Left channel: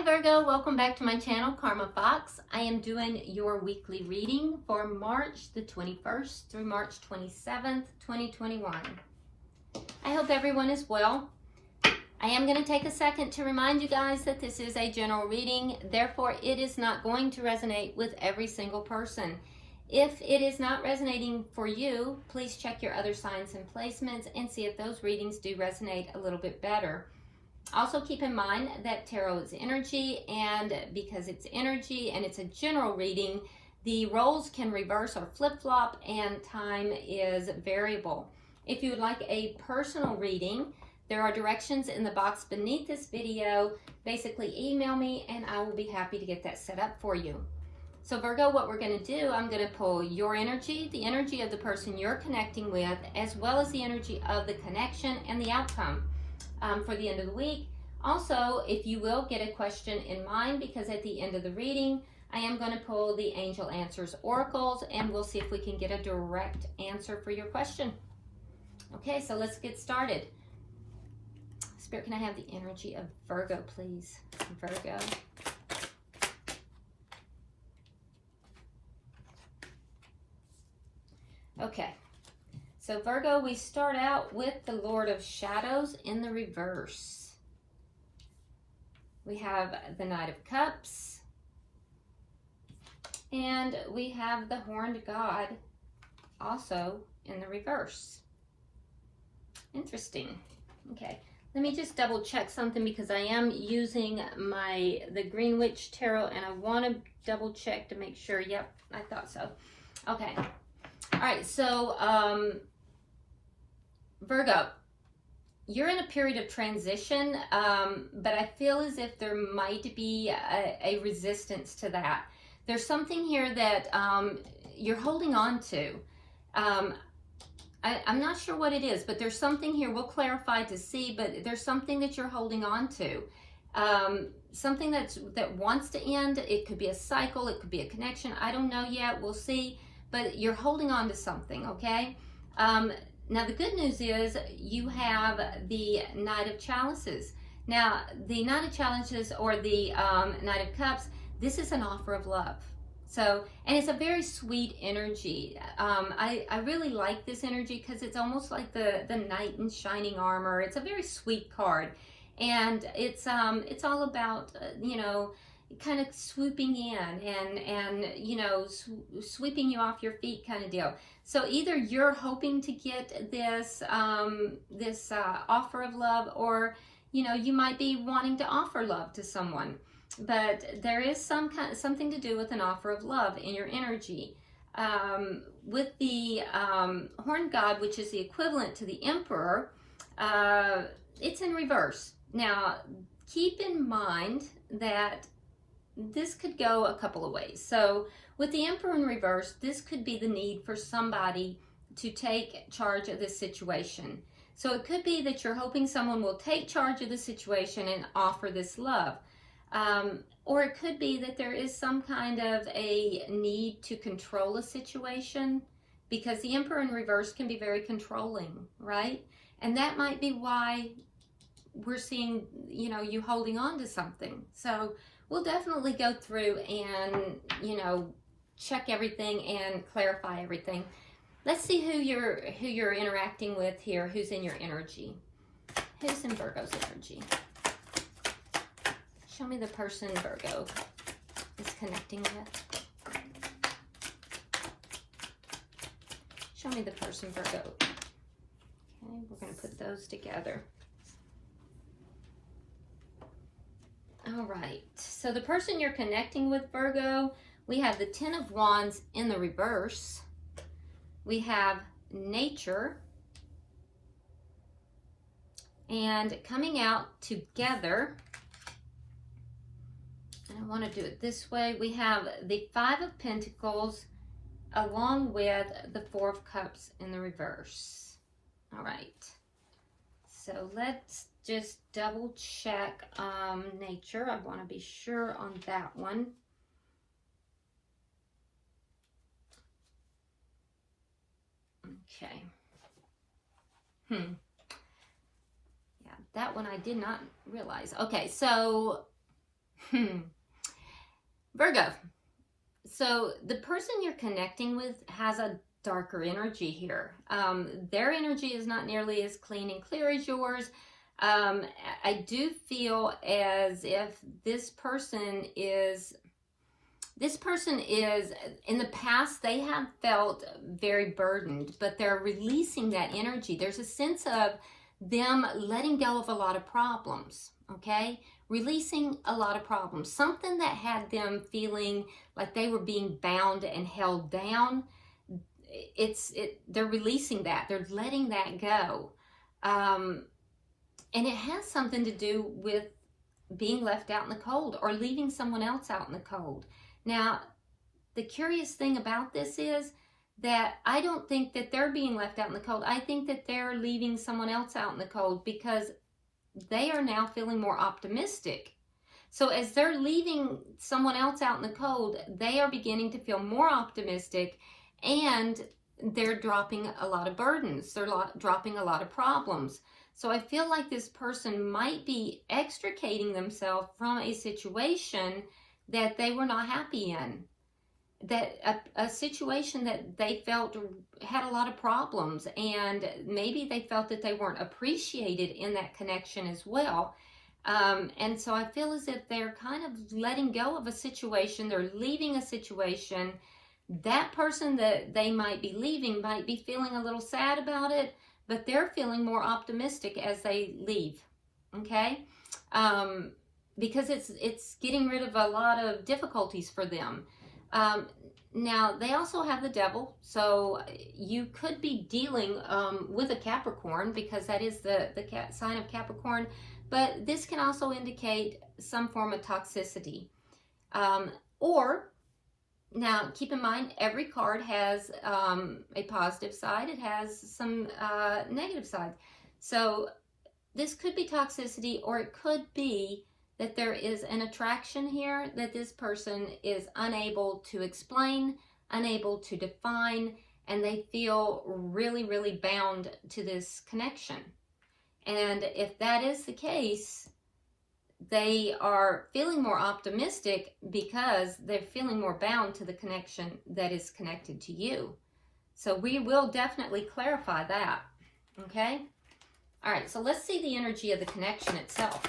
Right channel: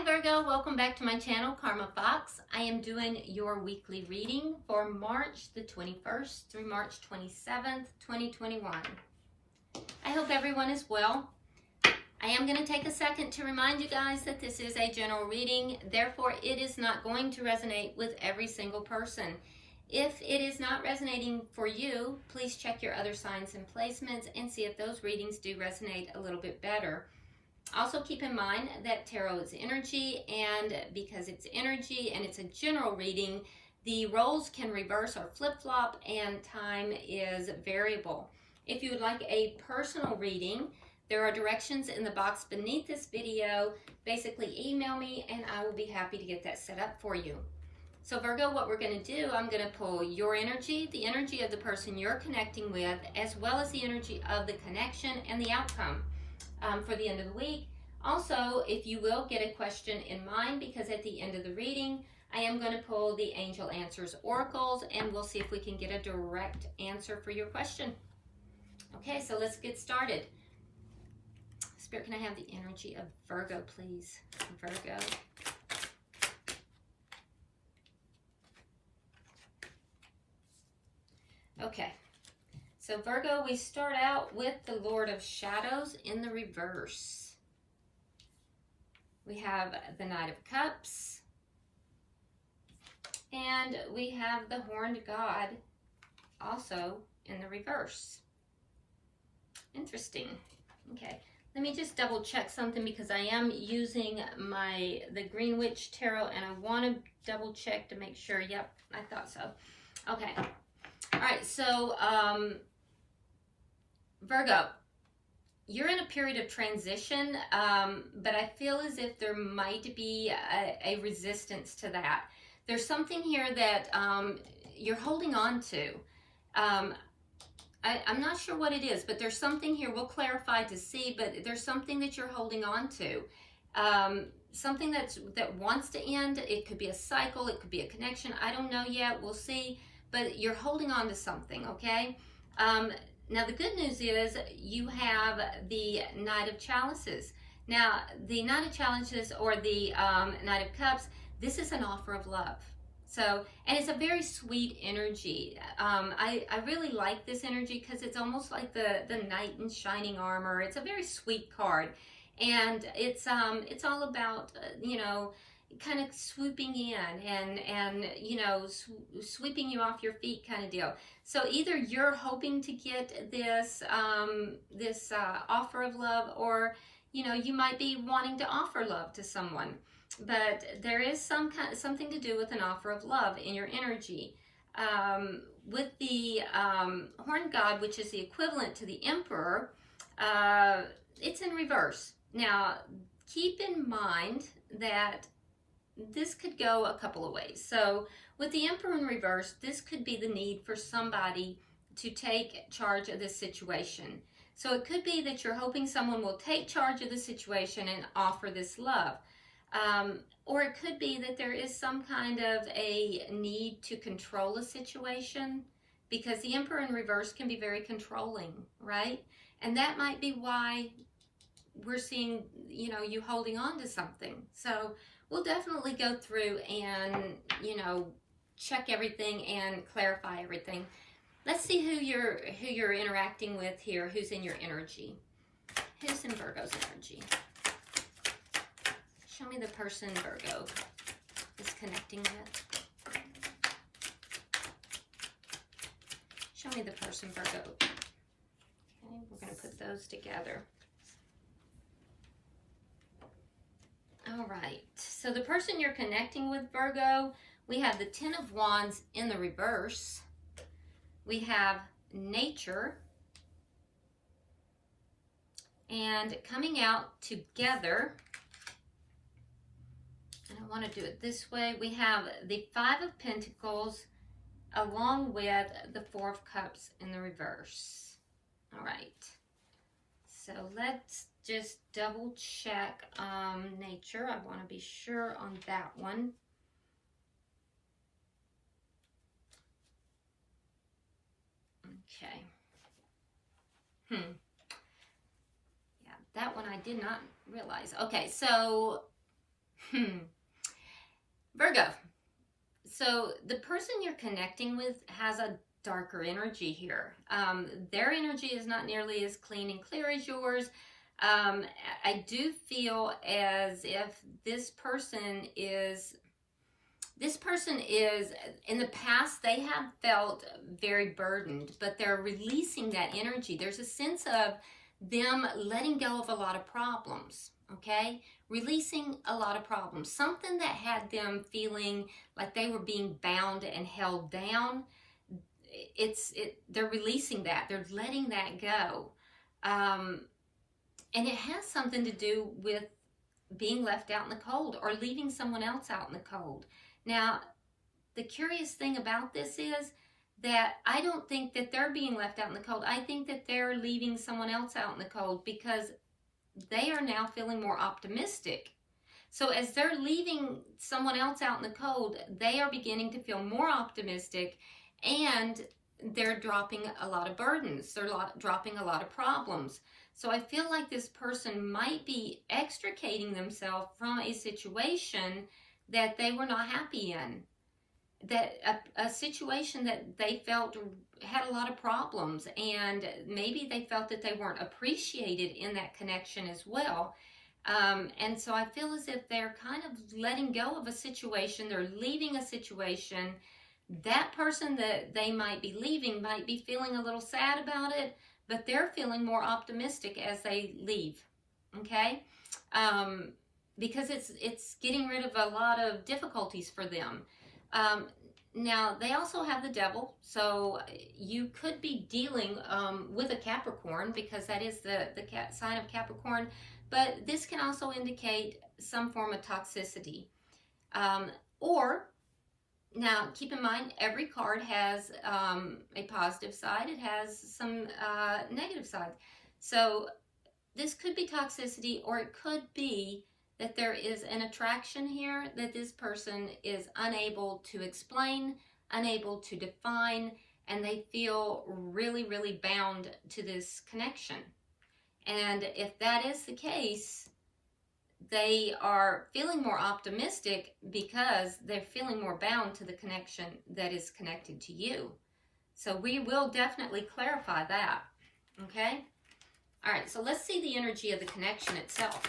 Hi Virgo, welcome back to my channel, Karma Fox. I am doing your weekly reading for March the 21st through March 27th, 2021. I hope everyone is well. I am going to take a second to remind you guys that this is a general reading, therefore it is not going to resonate with every single person. If it is not resonating for you, please check your other signs and placements and see if those readings do resonate a little bit better. Also keep in mind that tarot is energy, and because it's energy and it's a general reading, the roles can reverse or flip-flop and time is variable. If you would like a personal reading, there are directions in the box beneath this video. Basically email me and I will be happy to get that set up for you. So Virgo, what we're going to do, I'm going to pull your energy, the energy of the person you're connecting with, as well as the energy of the connection and the outcome. For the end of the week. Also, if you will, get a question in mind, because at the end of the reading, I am going to pull the Angel Answers Oracles, and we'll see if we can get a direct answer for your question. Okay, so let's get started. Spirit, can I have the energy of Virgo, please? Virgo. Okay. So Virgo, we start out with the Lord of Shadows in the reverse. We have the Knight of Cups. And we have the Horned God also in the reverse. Interesting. Okay, let me just double check something, because I am using the Green Witch Tarot and I want to double check to make sure. Yep, I thought so. Okay. All right, so Virgo, you're in a period of transition, but I feel as if there might be a resistance to that. There's something here that you're holding on to. I'm not sure what it is, but there's something here. We'll clarify to see, but there's something that you're holding on to. Something that wants to end. It could be a cycle. It could be a connection. I don't know yet. We'll see. But you're holding on to something, okay? Now, the good news is you have the Knight of Chalices. Now, the Knight of Chalices, or the Knight of Cups, this is an offer of love. So, and it's a very sweet energy. I really like this energy because it's almost like the knight in shining armor. It's a very sweet card. And it's all about, you know, kind of swooping in and you know, sweeping you off your feet kind of deal. So either you're hoping to get this offer of love, or you know, you might be wanting to offer love to someone, but there is something to do with an offer of love in your energy. With the Horned God, which is the equivalent to the Emperor, it's in reverse. Now keep in mind that this could go a couple of ways. So with the Emperor in reverse, this could be the need for somebody to take charge of this situation. So it could be that you're hoping someone will take charge of the situation and offer this love. Or it could be that there is some kind of a need to control a situation, because the Emperor in reverse can be very controlling, right? And that might be why we're seeing, you know, you holding on to something. So we'll definitely go through and, you know, check everything and clarify everything. Let's see who you're interacting with here, who's in your energy. Who's in Virgo's energy? Show me the person Virgo is connecting with. Show me the person Virgo. Okay, we're going to put those together. All right, so the person you're connecting with, Virgo, we have the Ten of Wands in the reverse. We have nature. And coming out together, and I want to do it this way, we have the Five of Pentacles along with the Four of Cups in the reverse. All right, so let's just double check nature. I want to be sure on that one. Okay. Yeah, that one I did not realize. Okay, so Virgo. So the person you're connecting with has a darker energy here. Their energy is not nearly as clean and clear as yours. I do feel as if this person is, in the past, they have felt very burdened, but they're releasing that energy. There's a sense of them letting go of a lot of problems, okay? Releasing a lot of problems. Something that had them feeling like they were being bound and held down. They're releasing that. They're letting that go. And it has something to do with being left out in the cold or leaving someone else out in the cold. Now, the curious thing about this is that I don't think that they're being left out in the cold. I think that they're leaving someone else out in the cold because they are now feeling more optimistic. So as they're leaving someone else out in the cold, they are beginning to feel more optimistic, and they're dropping a lot of burdens. They're dropping a lot of problems. So I feel like this person might be extricating themselves from a situation that they were not happy in. That a situation that they felt had a lot of problems, and maybe they felt that they weren't appreciated in that connection as well. And so I feel as if they're kind of letting go of a situation. They're leaving a situation. That person that they might be leaving might be feeling a little sad about it, but they're feeling more optimistic as they leave, okay? Because it's getting rid of a lot of difficulties for them. Now, they also have the devil, so you could be dealing with a Capricorn, because that is the sign of Capricorn, but this can also indicate some form of toxicity. Now, keep in mind, every card has a positive side. It has some negative sides. So this could be toxicity, or it could be that there is an attraction here that this person is unable to explain, unable to define, and they feel really, really bound to this connection. And if that is the case, they are feeling more optimistic because they're feeling more bound to the connection that is connected to you. So we will definitely clarify that, okay? All right, so let's see the energy of the connection itself.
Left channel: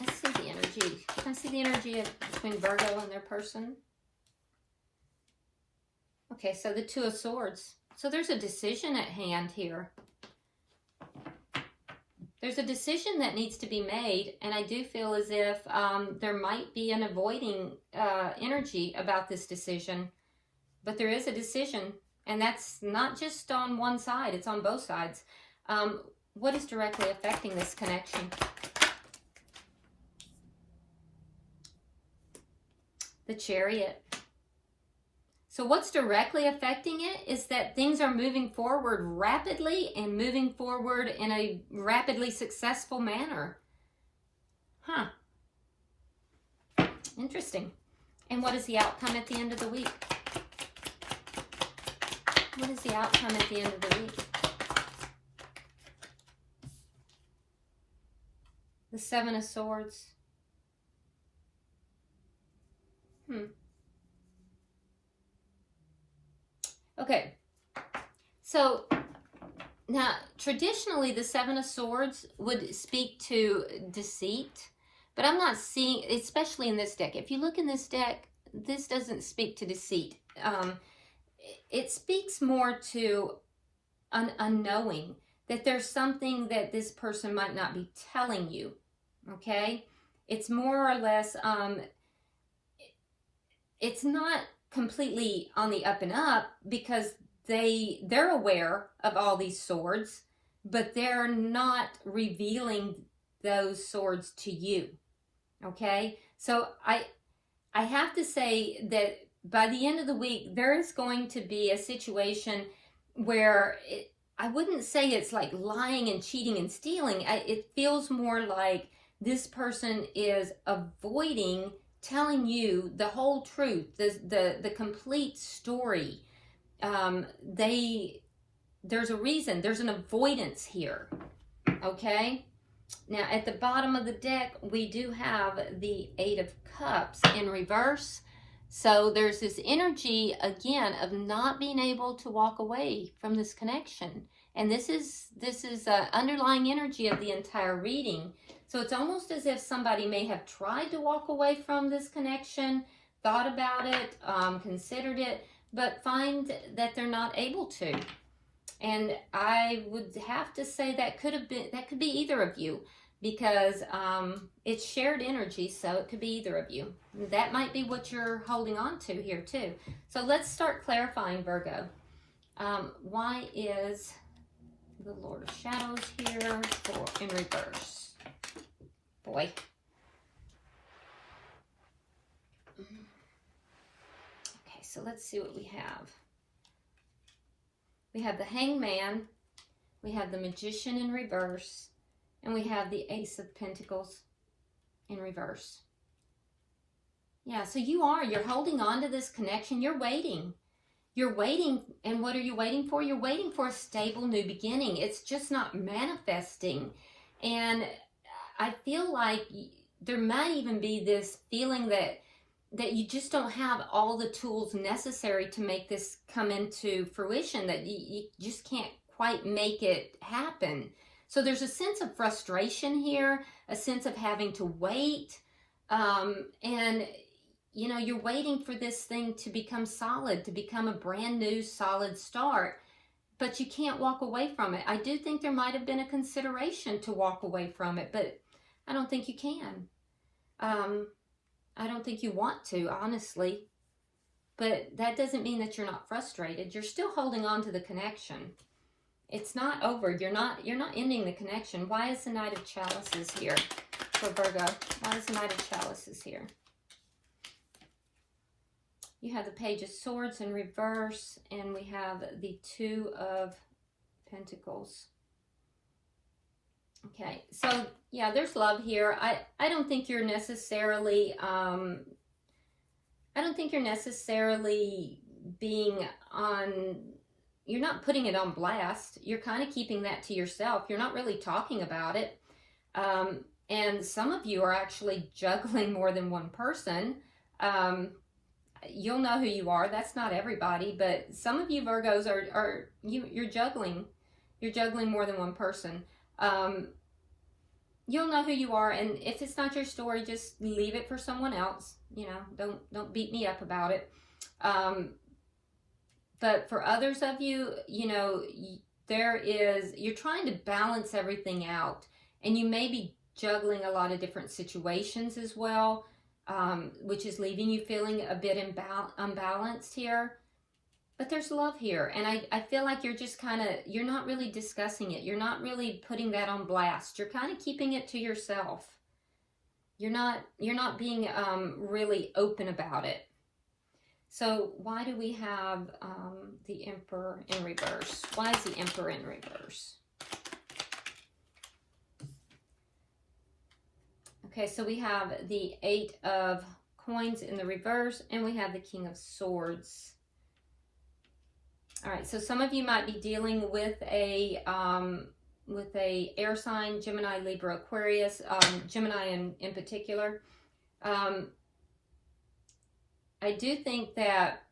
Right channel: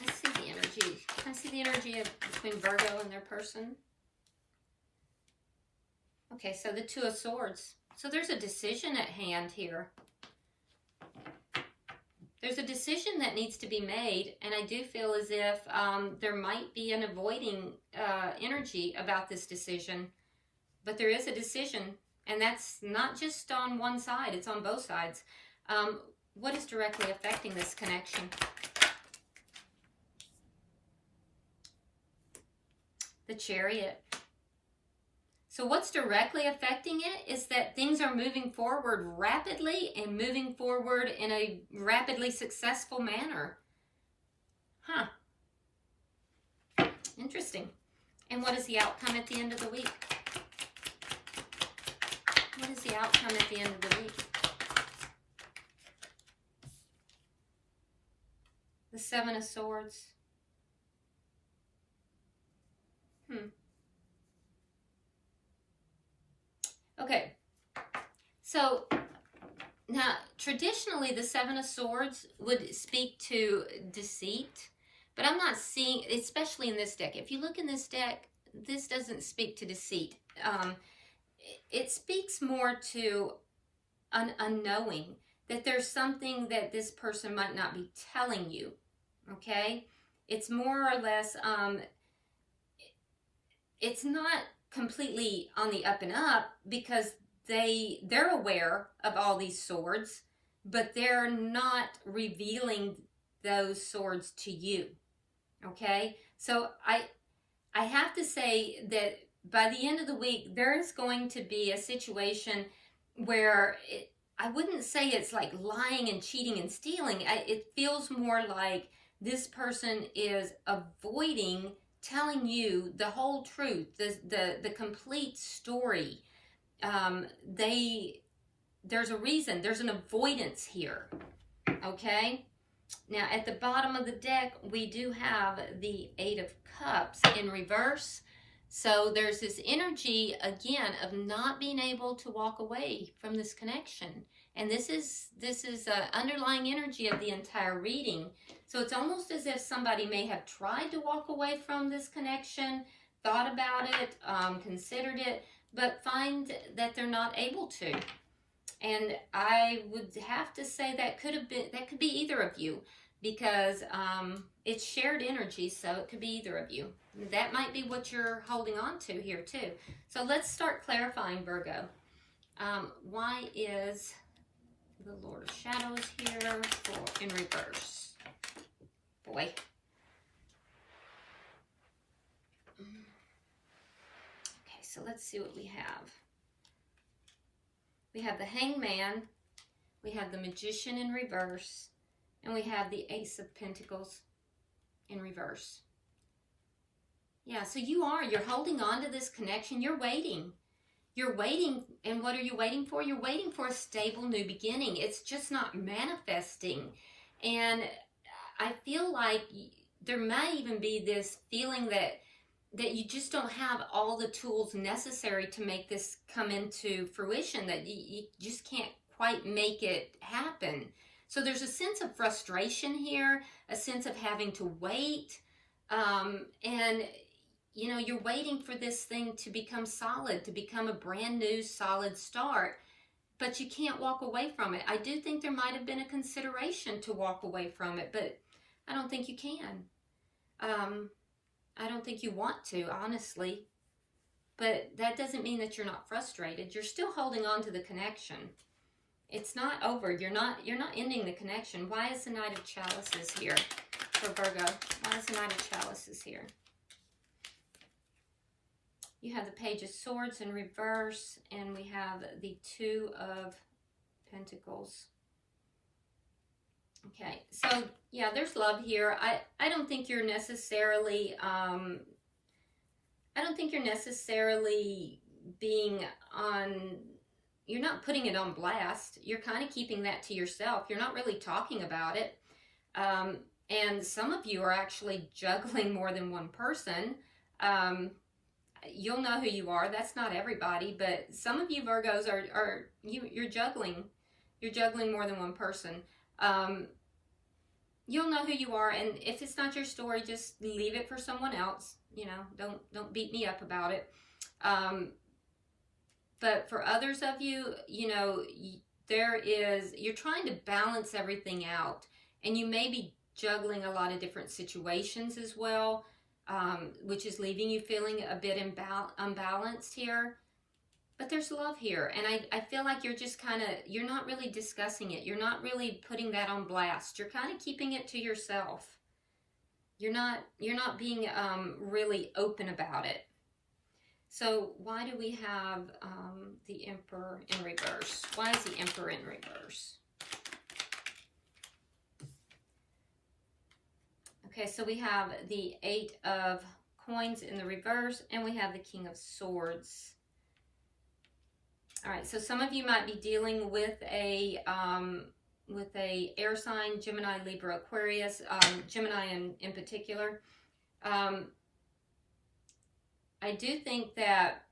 Let's see the energy. Can I see the energy between Virgo and their person? Okay, so the Two of Swords. So there's a decision at hand here. There's a decision that needs to be made, and I do feel as if there might be an avoiding energy about this decision, but there is a decision, and that's not just on one side, it's on both sides. What is directly affecting this connection? The Chariot. So what's directly affecting it is that things are moving forward rapidly and moving forward in a rapidly successful manner. Huh. Interesting. And what is the outcome at the end of the week? What is the outcome at the end of the week? The Seven of Swords. Okay, so now traditionally the Seven of Swords would speak to deceit, but I'm not seeing, especially in this deck. If you look in this deck, this doesn't speak to deceit. It speaks more to an unknowing, that there's something that this person might not be telling you, okay? It's more or less, it's not completely on the up and up, because they're aware of all these swords, but they're not revealing those swords to you, okay? So I have to say that by the end of the week, there's going to be a situation where I wouldn't say it's like lying and cheating and stealing. It feels more like this person is avoiding telling you the whole truth, the complete story. They there's a reason. There's an avoidance here, okay? Now, at the bottom of the deck, we do have the Eight of Cups in reverse. So there's this energy, again, of not being able to walk away from this connection. And this is underlying energy of the entire reading. So it's almost as if somebody may have tried to walk away from this connection, thought about it, considered it, but find that they're not able to. And I would have to say that could be either of you, because it's shared energy, so it could be either of you. That might be what you're holding on to here too. So let's start clarifying, Virgo. Why is the Lord of Shadows here in reverse? Boy. Okay, so let's see what we have. We have the Hangman, we have the Magician in reverse, and we have the Ace of Pentacles in reverse. Yeah, so you're holding on to this connection. You're waiting. You're waiting, and what are you waiting for? You're waiting for a stable new beginning. It's just not manifesting. And I feel like there might even be this feeling that you just don't have all the tools necessary to make this come into fruition, that you just can't quite make it happen. So there's a sense of frustration here, a sense of having to wait, and you're waiting for this thing to become solid, to become a brand new solid start, but you can't walk away from it. I do think there might have been a consideration to walk away from it, but I don't think you can. I don't think you want to, honestly, but that doesn't mean that you're not frustrated. You're still holding on to the connection. It's not over. You're not ending the connection. Why is the Knight of Chalices here for Virgo? Why is the Knight of Chalices here? You have the Page of Swords in reverse, and we have the Two of Pentacles. Okay, so yeah, there's love here. I don't think you're necessarily being on, you're not putting it on blast. You're kind of keeping that to yourself. You're not really talking about it. And some of you are actually juggling more than one person. You'll know who you are. That's not everybody, but some of you Virgos you're juggling. You're juggling more than one person. You'll know who you are, and if it's not your story, just leave it for someone else. Don't beat me up about it. But for others of you, you're trying to balance everything out, and you may be juggling a lot of different situations as well, which is leaving you feeling a bit unbalanced here. But there's love here, and I feel like you're just you're not really discussing it. You're not really putting that on blast. You're kind of keeping it to yourself. You're not being really open about it. So why do we have the Emperor in reverse? Why is the Emperor in reverse? Okay, so we have the Eight of Coins in the reverse, and we have the King of Swords. All right, so some of you might be dealing with a air sign, Gemini, Libra, Aquarius, Gemini in particular. I do think that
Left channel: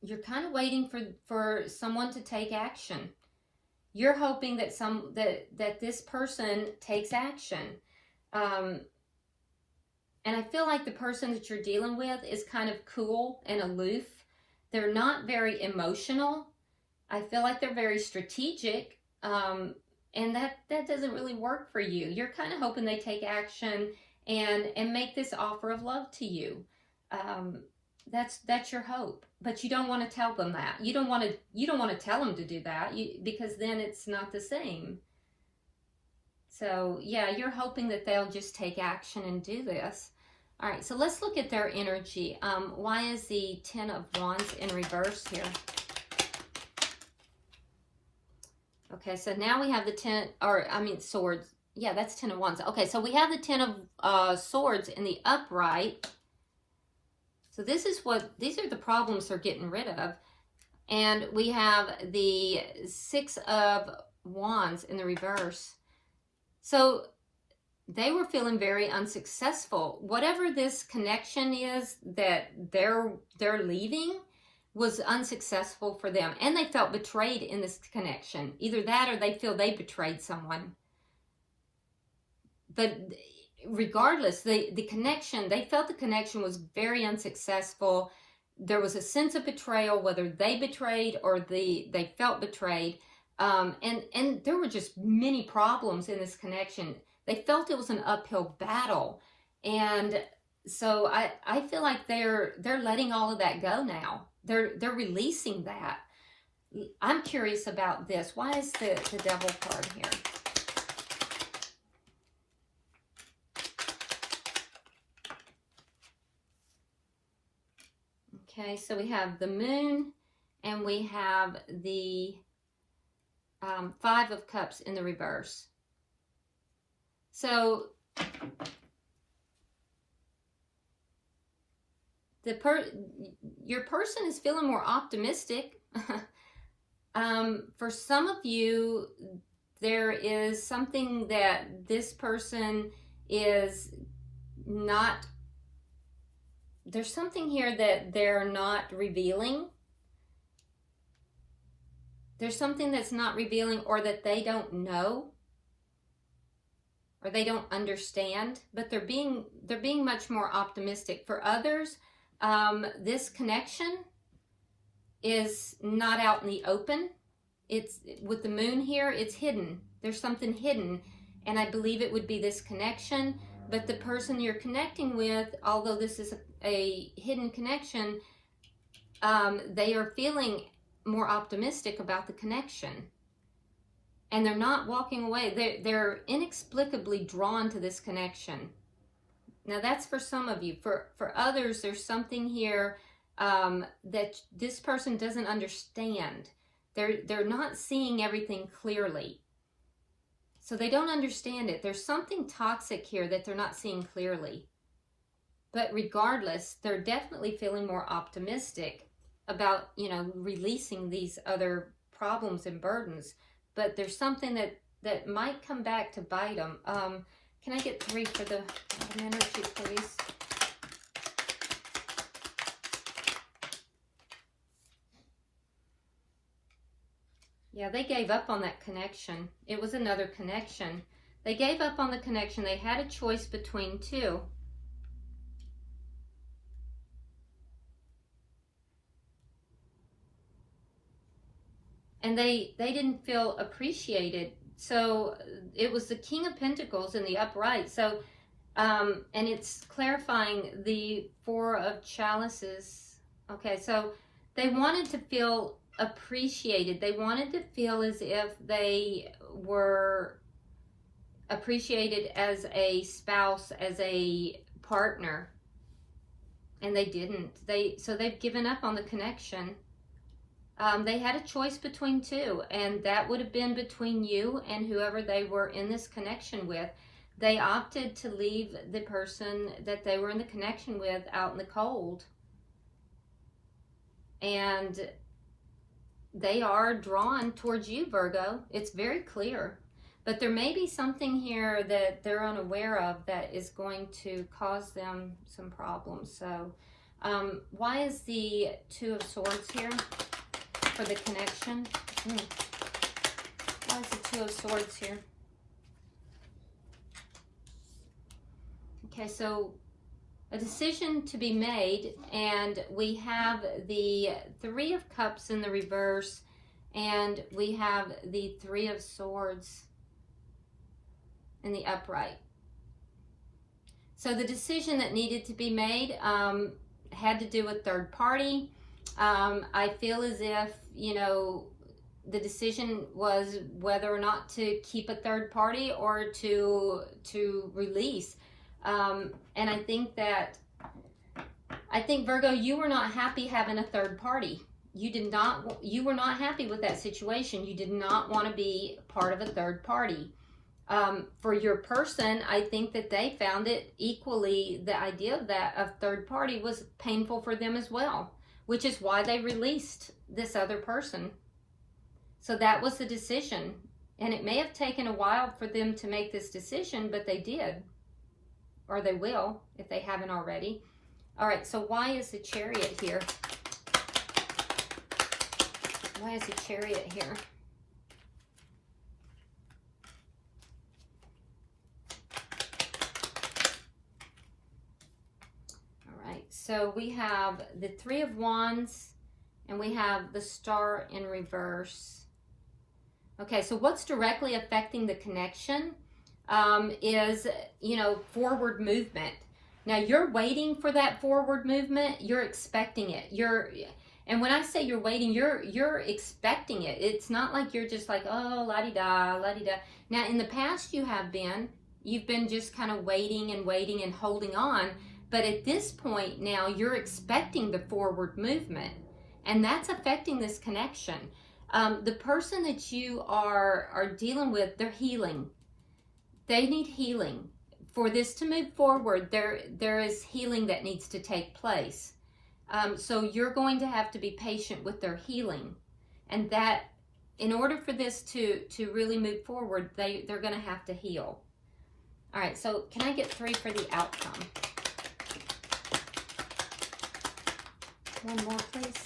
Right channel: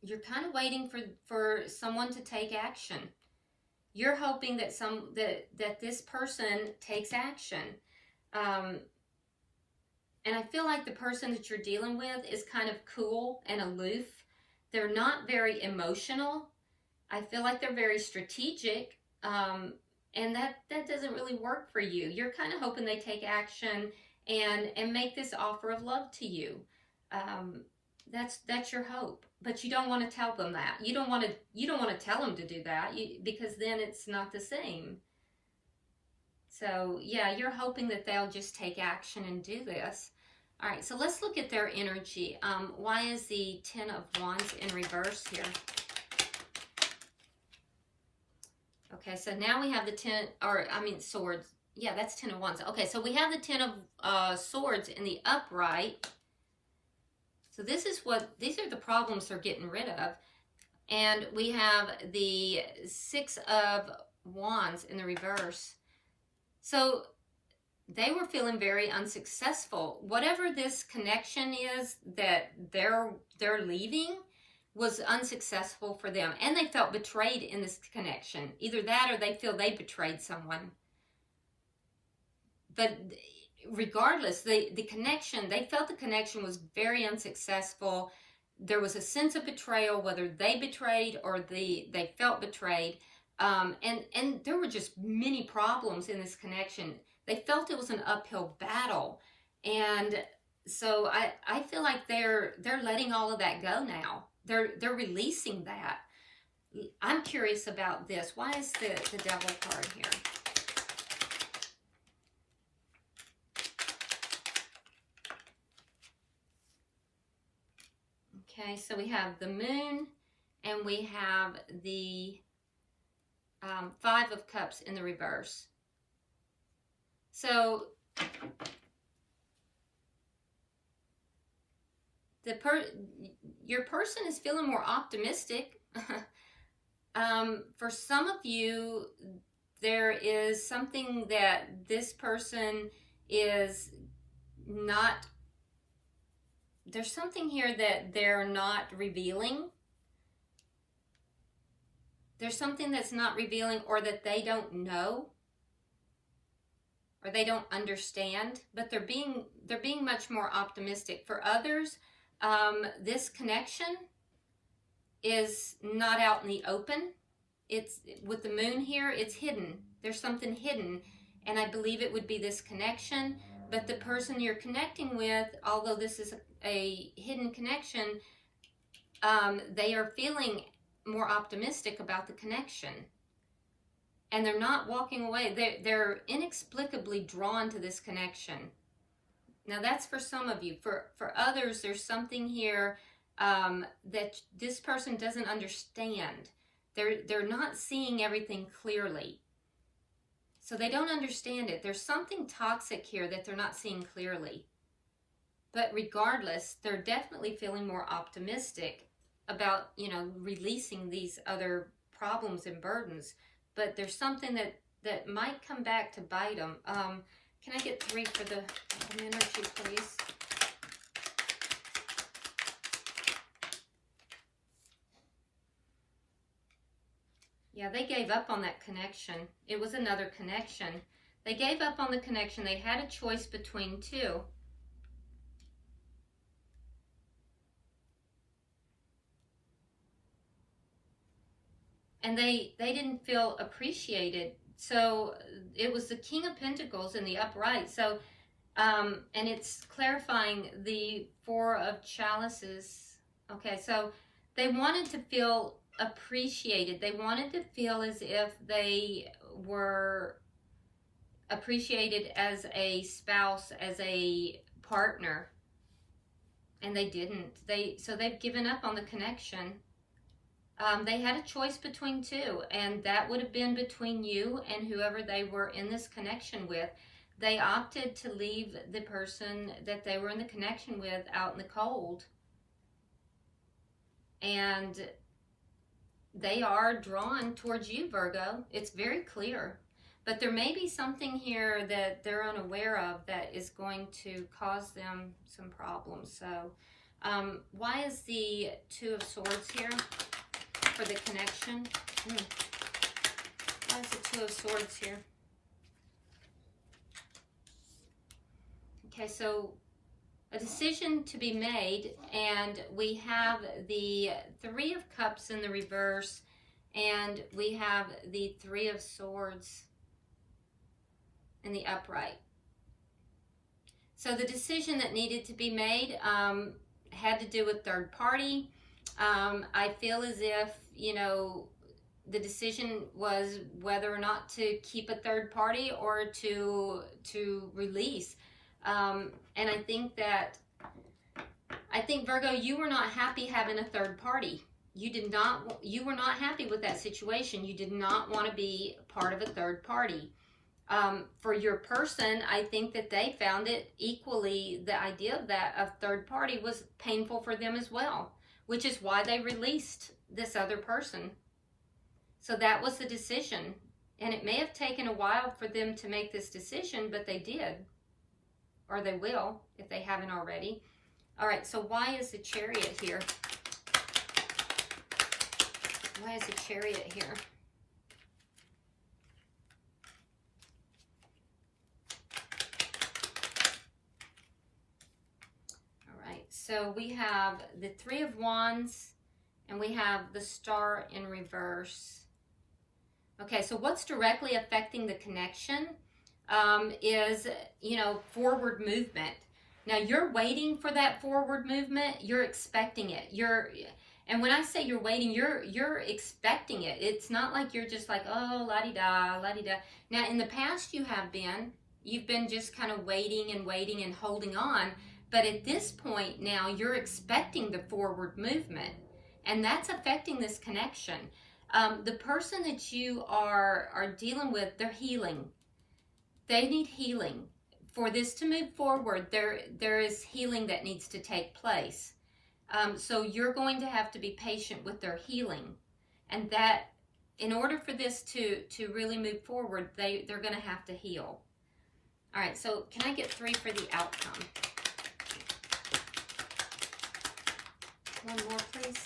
you're kind of waiting for someone to take action. You're hoping that that this person takes action. And I feel like the person that you're dealing with is kind of cool and aloof. They're not very emotional. I feel like they're very strategic, and that doesn't really work for you. You're kind of hoping they take action and make this offer of love to you. That's your hope, but you don't want to tell them that. You don't want to tell them to do that, because then it's not the same. So yeah, you're hoping that they'll just take action and do this. All right, so let's look at their energy. Why is the Ten of Wands in reverse here? Okay, so now we have the Swords. Yeah, that's Ten of Wands. Okay, so we have the Ten of Swords in the upright. So these are the problems they're getting rid of. And we have the Six of Wands in the reverse. So they were feeling very unsuccessful. Whatever this connection is that they're leaving was unsuccessful for them. And they felt betrayed in this connection. Either that or they feel they betrayed someone. But regardless, the connection, they felt the connection was very unsuccessful. There was a sense of betrayal, whether they betrayed or they felt betrayed. And there were just many problems in this connection. They felt it was an uphill battle. And so I feel like they're letting all of that go now. They're releasing that. I'm curious about this. Why is the Devil card here? Okay, so we have the Moon and we have the Five of Cups in the reverse. So your person is feeling more optimistic. For some of you, there is something that this person is not, there's something here that they're not revealing. There's something that's not revealing, or that they don't know, or they don't understand, but they're being much more optimistic. For others, this connection is not out in the open. It's with the Moon here, it's hidden. There's something hidden, and I believe it would be this connection. But the person you're connecting with, although this is a hidden connection, they are feeling more optimistic about the connection. And they're not walking away. They're inexplicably drawn to this connection. Now that's for some of you. For others, there's something here that this person doesn't understand. They're not seeing everything clearly. So they don't understand it. There's something toxic here that they're not seeing clearly. But regardless, they're definitely feeling more optimistic about, releasing these other problems and burdens. But there's something that might come back to bite them. Can I get 3 for the energy, please? Yeah, they gave up on that connection. It was another connection. They gave up on the connection. They had a choice between two. And they didn't feel appreciated. So it was the King of Pentacles in the upright. So, and it's clarifying the Four of Chalices. Okay, so they wanted to feel appreciated. They wanted to feel as if they were appreciated as a spouse, as a partner. And they didn't. So they've given up on the connection. They had a choice between two, and that would have been between you and whoever they were in this connection with. They opted to leave the person that they were in the connection with out in the cold. And they are drawn towards you, Virgo. It's very clear. But there may be something here that they're unaware of that is going to cause them some problems. So, why is the Two of Swords here? For the connection. Why is the Two of Swords here? Okay, so a decision to be made, and we have the Three of Cups in the reverse, and we have the Three of Swords in the upright. So the decision that needed to be made had to do with third party. I feel as if, the decision was whether or not to keep a third party or to release. And I think Virgo, you were not happy having a third party. You were not happy with that situation. You did not want to be part of a third party. For your person, I think that they found it equally, the idea of that, a third party was painful for them as well. which is why they released this other person. So that was the decision. And it may have taken a while for them to make this decision, but they did. Or they will, if they haven't already. All right, so why is the Chariot here? Why is the Chariot here? All right, so we have the Three of Wands, and we have the Star in reverse. Okay, so what's directly affecting the connection is, you know, forward movement. Now, you're waiting for that forward movement. You're expecting it. And when I say you're waiting, you're expecting it. It's not like you're just like, oh, la-di-da, la-di-da. Now, in the past, you've been just kind of waiting and holding on. But at this point now, you're expecting the forward movement. And that's affecting this connection. The person that you are dealing with, they're healing. They need healing. For this to move forward, there is healing that needs to take place. So you're going to have to be patient with their healing. And that, in order for this to really move forward, they're going to have to heal. All right, so can I get 3 for the outcome? One more, please.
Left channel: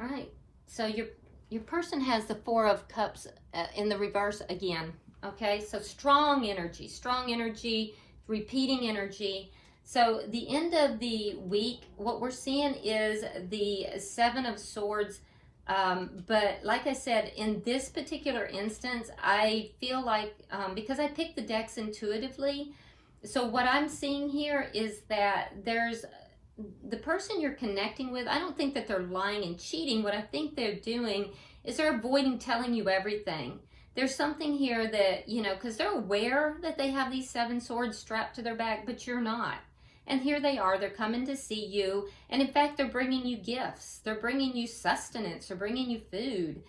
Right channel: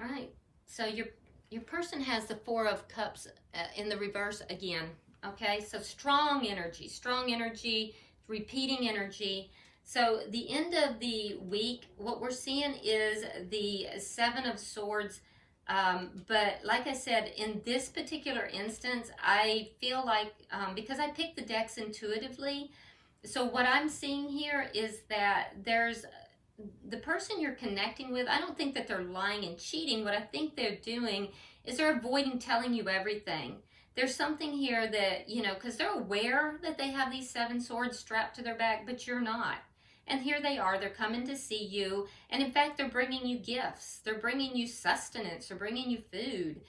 All right, so your person has the Four of Cups in the reverse again, okay? So strong energy, repeating energy. So the end of the week, what we're seeing is the Seven of Swords. But like I said, in this particular instance, I feel like, because I picked the decks intuitively, so what I'm seeing here is that there's the person you're connecting with. I don't think that they're lying and cheating. What I think they're doing is they're avoiding telling you everything. There's something here that, you know, because they're aware that they have these 7 swords strapped to their back, but you're not. And here they are, they're coming to see you. And in fact, they're bringing you gifts. They're bringing you sustenance. They're bringing you food.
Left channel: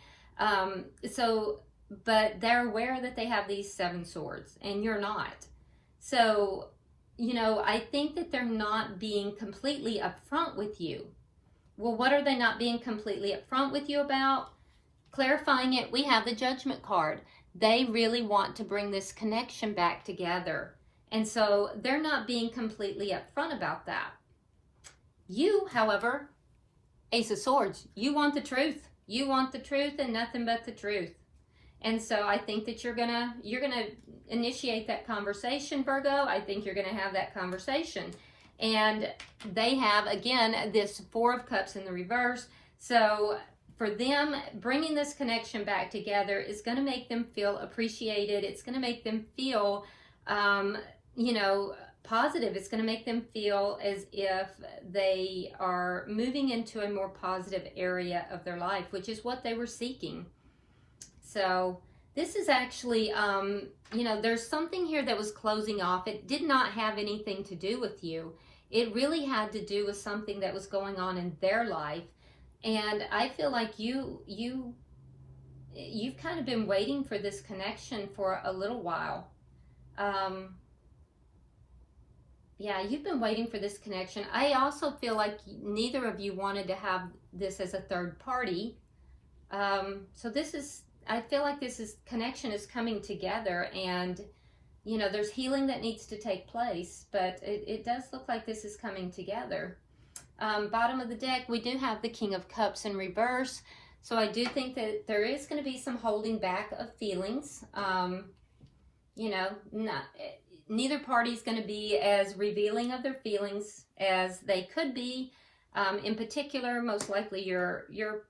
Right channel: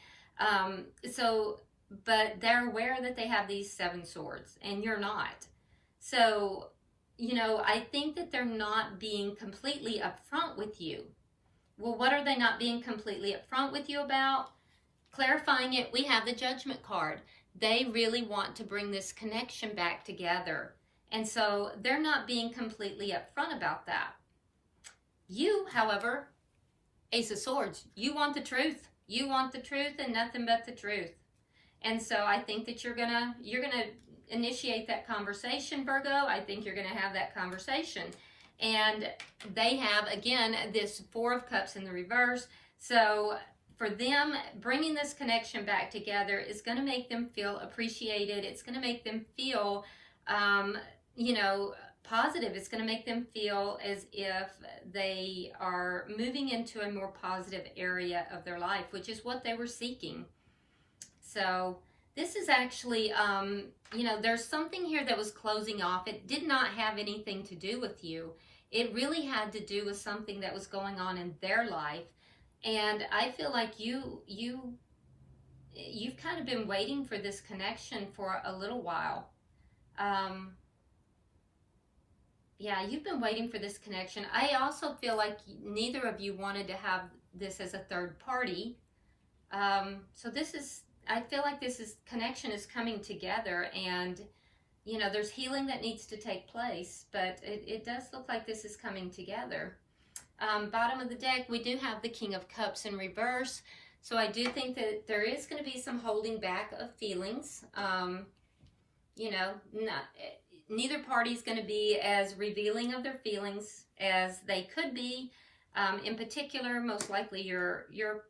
But they're aware that they have these 7 swords and you're not. So, you know, I think that they're not being completely upfront with you. Well, what are they not being completely upfront with you about? Clarifying it, we have the Judgment card. They really want to bring this connection back together. And so they're not being completely upfront about that. You, however, Ace of Swords, you want the truth. You want the truth and nothing but the truth. And so I think that you're gonna initiate that conversation, Virgo. I think you're gonna have that conversation. And they have, again, this Four of Cups in the reverse. So for them, bringing this connection back together is going to make them feel appreciated. It's going to make them feel, you know, positive. It's going to make them feel as if they are moving into a more positive area of their life, which is what they were seeking. So this is actually, you know, there's something here that was closing off. It did not have anything to do with you. It really had to do with something that was going on in their life. And I feel like you've kind of been waiting for this connection for a little while. Yeah, you've been waiting for this connection. I also feel like neither of you wanted to have this as a third party. So this is, I feel like connection is coming together, and, you know, there's healing that needs to take place, but it does look like this is coming together. Bottom of the deck, we do have the King of Cups in reverse. So I do think that there is going to be some holding back of feelings. You know, neither party is going to be as revealing of their feelings as they could be. In particular, most likely your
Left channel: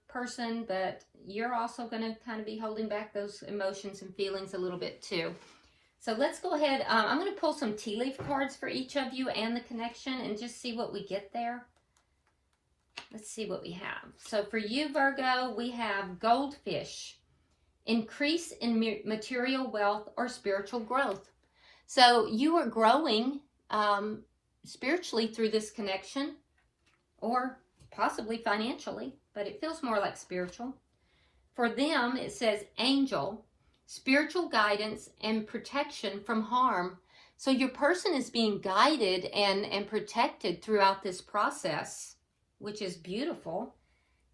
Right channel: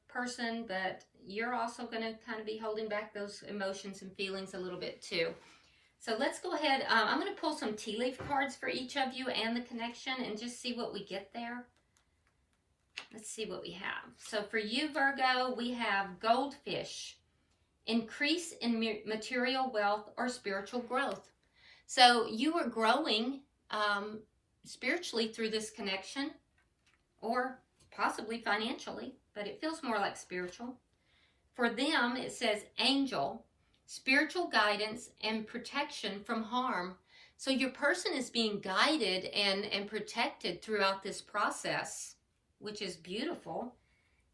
person, but you're also going to kind of be holding back those emotions and feelings a little bit too. So let's go ahead. I'm going to pull some tea leaf cards for each of you and the connection and just see what we get there. Let's see what we have. So for you, Virgo, we have Goldfish. Increase in material wealth or spiritual growth. So you are growing spiritually through this connection, or possibly financially, but it feels more like spiritual. For them, it says angel, spiritual guidance, and protection from harm. So your person is being guided and protected throughout this process, which is beautiful.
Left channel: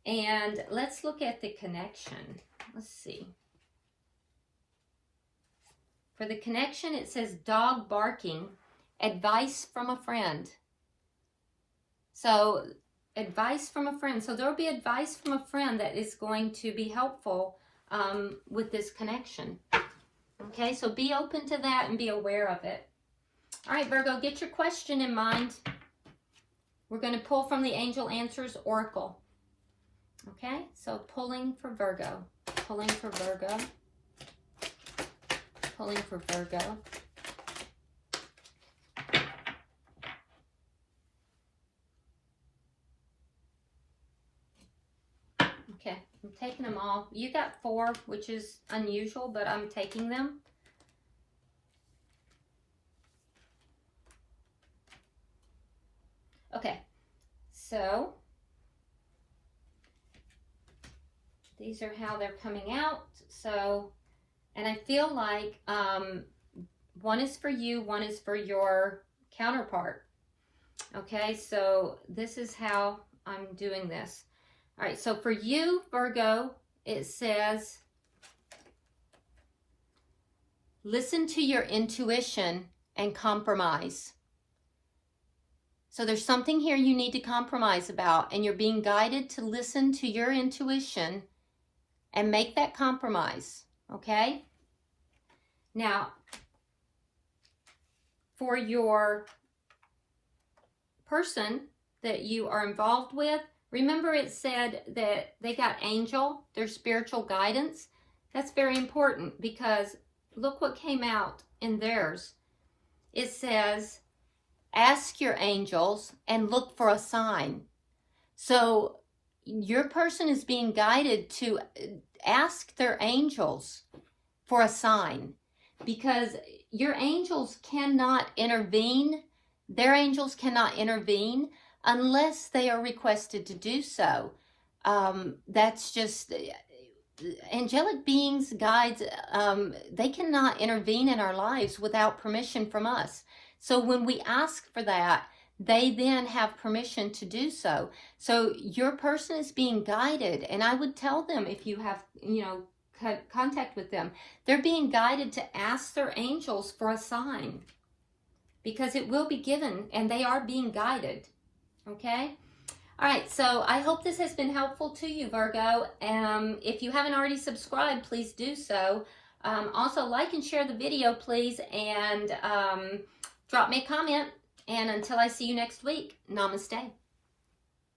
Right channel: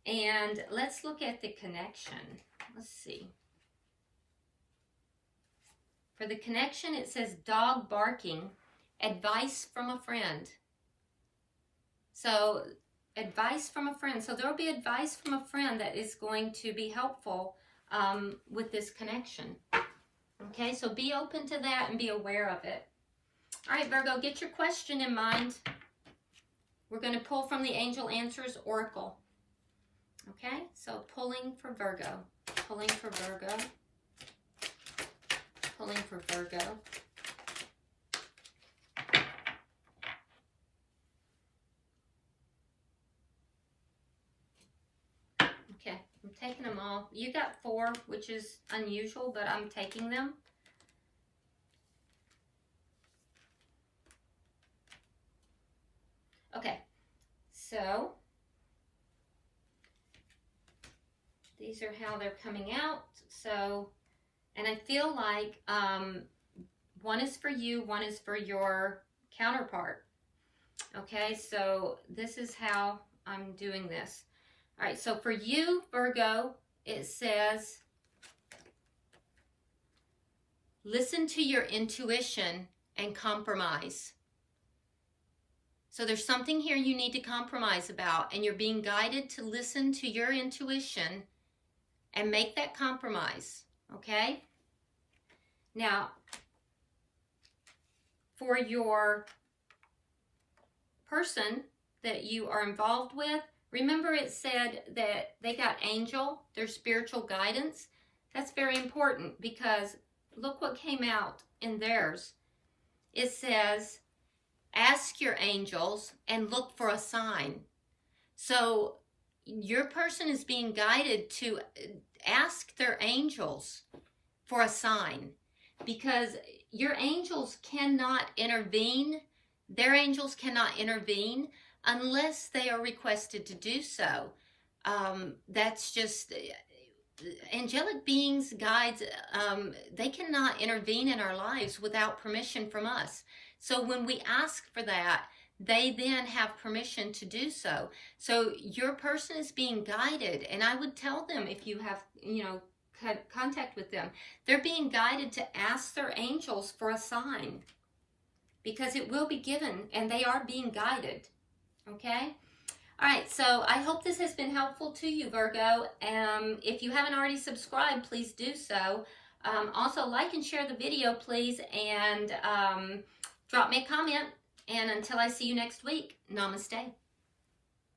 And let's look at the connection. Let's see. For the connection, it says dog barking, advice from a friend. So advice from a friend. So there will be advice from a friend that is going to be helpful with this connection. Okay, so be open to that and be aware of it. All right, Virgo, get your question in mind. We're going to pull from the Angel Answers Oracle. Okay, so pulling for Virgo, pulling for Virgo, pulling for Virgo. Okay, I'm taking them all. You got 4, which is unusual, but I'm taking them. Okay, so these are how they're coming out. So, and I feel like one is for you, one is for your counterpart. Okay, so this is how I'm doing this. All right, so for you, Virgo, it says, listen to your intuition and compromise. So there's something here you need to compromise about, and you're being guided to listen to your intuition and make that compromise, okay? Now, for your person that you are involved with, remember it said that they got angel, their spiritual guidance. That's very important because look what came out in theirs. It says, ask your angels and look for a sign. So your person is being guided to ask their angels for a sign, because your angels cannot intervene. Their angels cannot intervene unless they are requested to do so. That's just angelic beings, guides. They cannot intervene in our lives without permission from us. So when we ask for that, they then have permission to do so. So your person is being guided, and I would tell them, if you have, contact with them, they're being guided to ask their angels for a sign, because it will be given, and they are being guided. Okay? All right, so I hope this has been helpful to you, Virgo. If you haven't already subscribed, please do so. Also, like and share the video, please, and drop me a comment. And until I see you next week, namaste.